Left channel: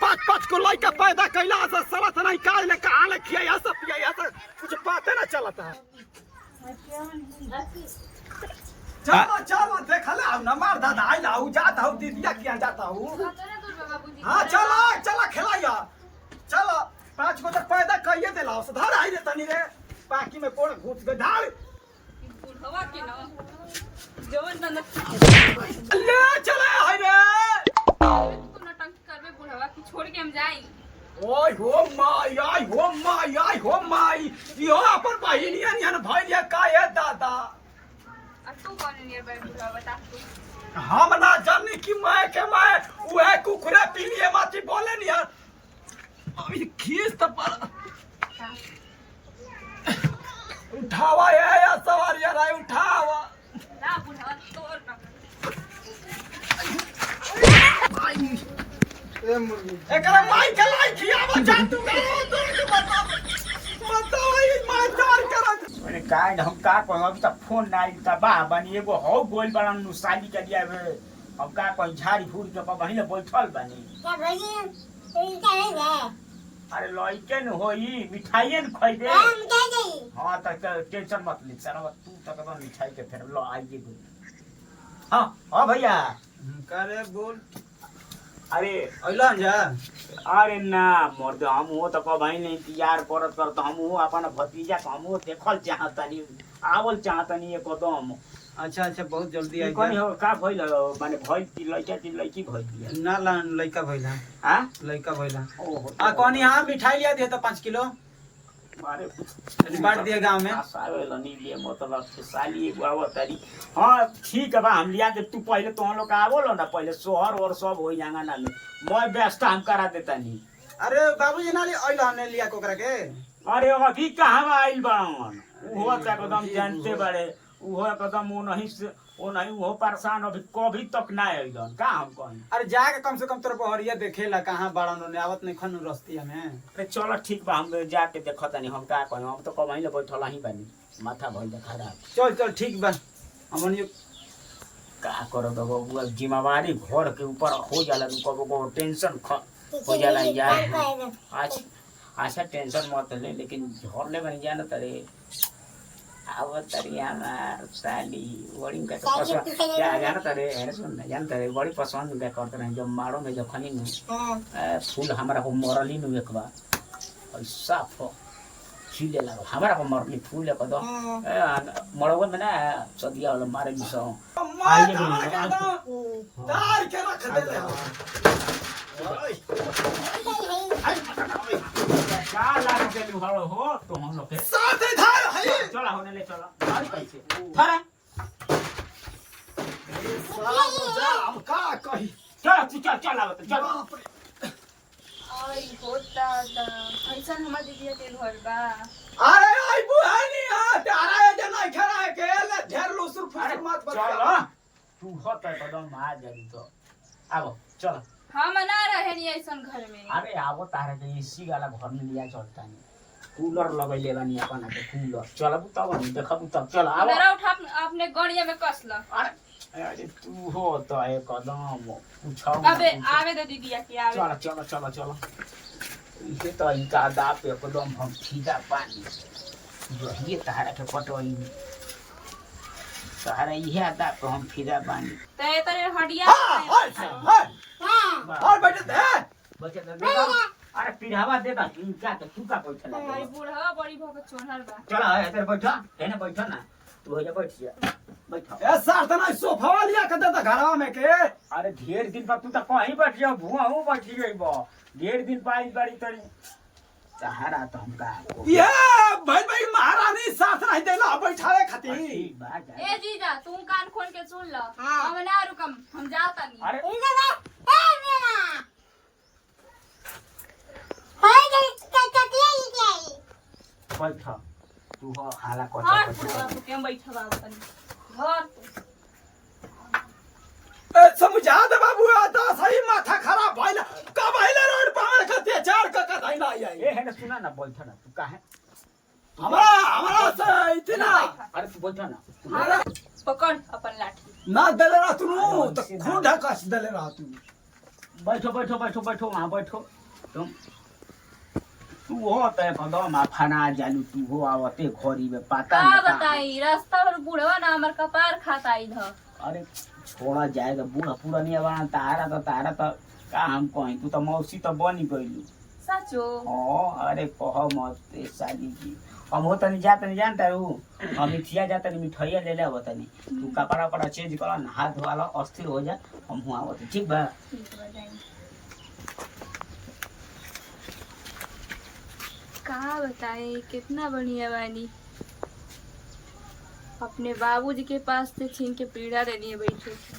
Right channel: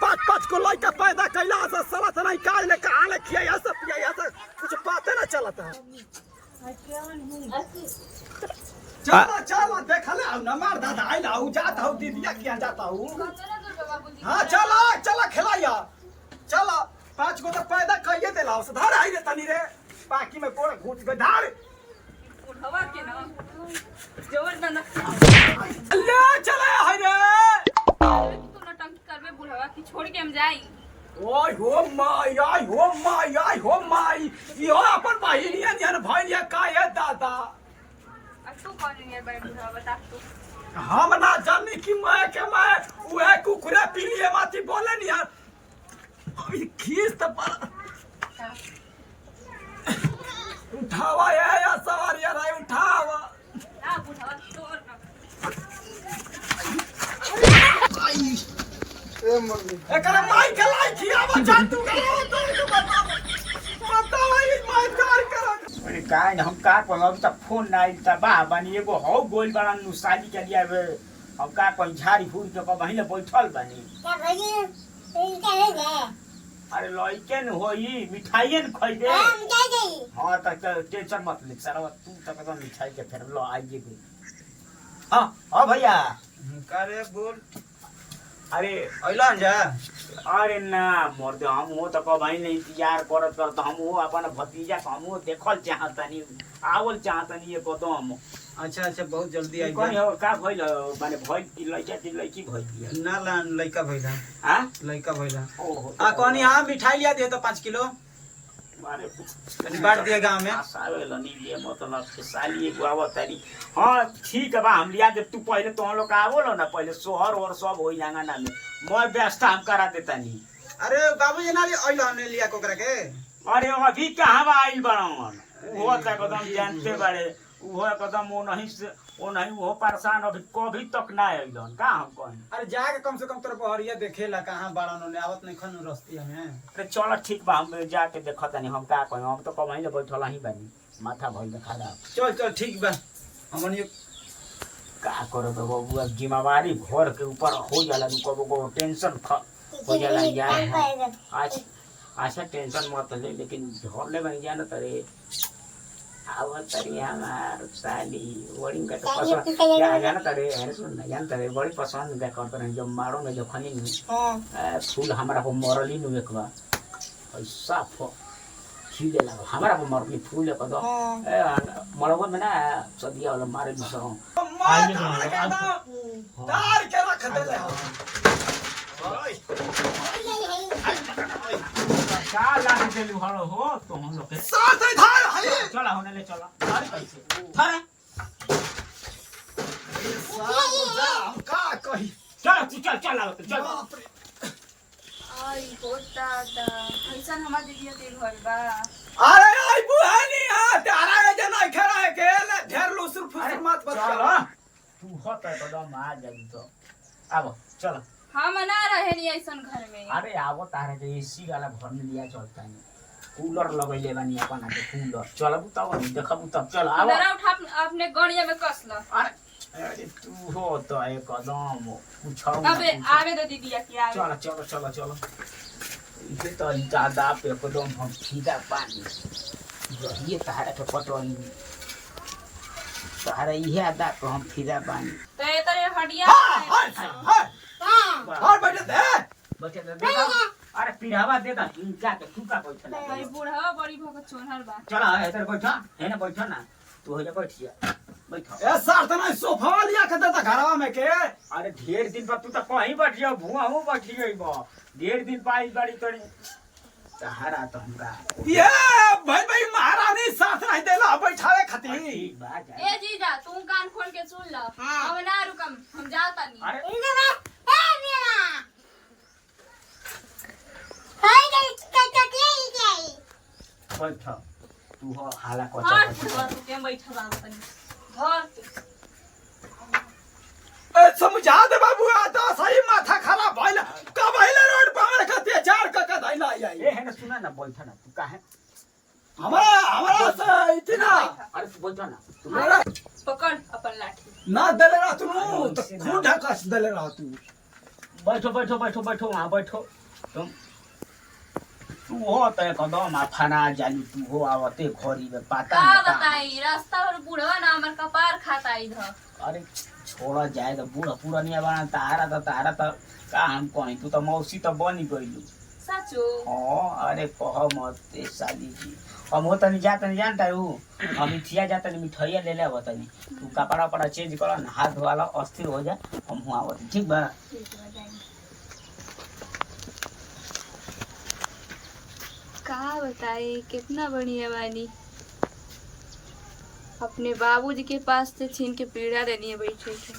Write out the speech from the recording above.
पाँच पाँच को लड़का पैदा कैला से सलत नहीं काल ले कहां ले खिया सब पिया सब कुछ पता ना चलता है। चलो चलो देख ले अब न मार दादा आइला हूं जाता हूं दीदिया किया जाता हूं। हां चलो चलो खिलाया चलो पाँच को तो पैदा कइए देला से धर आई रे तनी रे पाकी में कोण घुस गए धार बुढ़वा के ना जबरदस्त ले चले हाय रे तू नटंकी करबे बुढ़वा की छोड़ के हम जाई। ओय हो माय आय हो माय आय हो माय यो अपन बहिनिया नियन भइलिया काहे दादा। अब तू कौन नियर बड़े बुढ़वा बता तू। हम ना जानी कि मैं के मैं उहे कुकुरे पीलिए माटी बोले नहीं यार अभी खीस तो पर उठावा या सवारी यार उठावा ना बुढ़वा तोड़ ना आई ए मम्मी एकरा माई के लाई खियावा जान तू बताओ ये माई कार कर अरे काय हम का कोई अभी तक फोन नहीं था बा बनी एगो हो गोल बना नु शादी के लिए हम का कोई झाड़ी फूट के वहीं ले बैठल बनी क्या भई इनका है ना अरे लइके न होई मिठाई न खइबे हम क्या गई हां तक टेंशन मत ले सारा तू तक तो मिठाई के फिर लो आइए गो हां हां भैया करे बोल अरे अइला जा अरे ना मर्द हम हो तो कहीं नहीं इंतजार करत करत हम हो अपन भतीजा के हम देखल चाहतनी आवल चाहतनी एकदम अच्छा अच्छा बहुत जल्दी आई कौन हो का भइल माने भइल की लड़की भइल बिया ना ला लइका भइला हां लइका भइला ओहो आ कौन हां मिठाई लिया दे तो 5 किलो अरे बांट दिए गांव में आसावेला नहीं लिए मतलब के साली एगो आवतारी हां ठीक है बा हम लिया जब तू पहले तो लोग आवलो ना पहले शहर और सब होई जांगाना में मैं व्यवस्था हम करा देता नहीं। अरे बाबूजी ना अइला हमने लिया कोकरा के अरे अभी कहां आइल बाड़न वो त एकदम जानते बाड़े वो एकदम वो नहीं वो परेशान अभी कभी तक ना आइलन का हम कहीं। अरे जाके कम से कम तोर बहरिया देखेला कहां बाड़न ने आवत नहीं खनु रस्ती हमें। अरे चलो ठीक बा हम जाके देखतनी हम का कहीं हम तो कहीं ले बैठल ही बानी माथा भइल खराब। चल चल ठीक बा हमन ये का करो तो बाबू अब जिम्मेवारी घर के ऊपर हो जाला कबो को टेंशन हो जाला यार। अच्छा टेंशन मत ले लेकिन घर ले बन जाना तरे आवत तरी हमार साली वड़िंग का पसंद जाना तरे है सुन ना जान तरे बड़ी पसंद का करते रहे जब मारो में जो खनी नु फूल हमारा को मरली नु एक बार ऐसा खिले लगा हमारा को मरली फूल है कदो मरवा में ना सदिया वाला मारे दिसो आइए तार के रख दे ले ओए क्या लाग चलू हलो हो तो हम लोग के साथ ही धार है चला होने ले चला कैसे था साथ जा हम का कही चल तू चल चल आवत चल आई होता दा ऐसन हमार दीदिया के घर बा। अरे आई बुहानी हां तारा ए जना खड़ा है के ले ढेर लुसुर फुसुर मत बता चल तू होता एकदम आ जाई तो आबो चल हम ना रहे नहीं ऐसन घर में। अरे आवो तारा के एसी वाला घर में लिया चलता नहीं कूलर लगैले बानी अपन के कूलर चलबू तब हम देखबू तब चल आबो मेरा उठा अपने गड़िया में कस ल। अरे तू हो तो एकदम पूछो अबे आवे दे दीदिया की आवे। चल चल चल चल इसे तो इनका दाप पे एकदम हम सीधा पानी ये तारा के पटोई तारा ये दाप पे हम सीधा पानी ते तेरे हडिया हां और बैठे दे बच्चे दे अरे पिढ़ावा दे दा इनका के तू का बैठल भाई बूढ़ा बड़ी भगत चोनहर बा। चल इधर बैठा है ना बैठा ना तू हो जा बैठ जा बैठा ए सर तना सोफा लिया के देता घरवा में के। अरे ढेर दिन पर तू तो कहीं बैठ जा भुआ हूं बैठ गई बा ढेर दिन पाई गाड़ी तोड़ी सहारा तो हमका ये भाई महारानी साथ नहीं देला बैठावे खातिर। ए जीजा तू कान खोल के सुन ल हम ना रुकम हम जाता नहीं। अरे इधर ए मेरा हाय के ले बैठा तू हो हाला को और के बैठा बाबू तनी घर ए समझा दे बाबू आता सही माथा खराब भइल का भइल रोड पे हमरे खातिर चार का धइला आई ए है ना सुना ना बैठा ना तू काहे हमारा से इतना अरे तू बैठा ना पकड़ अपन लाठी ना दले रह तू तो खून ढकस दले रह तू बैठो बैठो बैठो बैठो वहाँ बैठो तुम तू हो तो एकदम फना जालू तू हो आवते घरी में पता का ना कहाँ। बताई रास्ता पर बुढ़वा ना हमर कपार खाता इधर। अरे छोड़ा जाए तो बूढ़ा पूरा नहीं बना तारा तो का हम कहीं तू तो मौसी तो बनी गईलू। सचो हाँ अरे कह मत ए साली जी हम हो तनी जा तनी जानता हूँ हम मिठिया जा तनी मिठाइया ले ले तनी तू कपड़ा वपड़ा चेंज कर ना हाथ धोवाला अस्थिर हो जा हम हुआ आवत ठीक बा। का बताए कितना बढ़िया बानी अपने बाबूजी के पास से छीन के पीड़ा लेनी है बैठे के।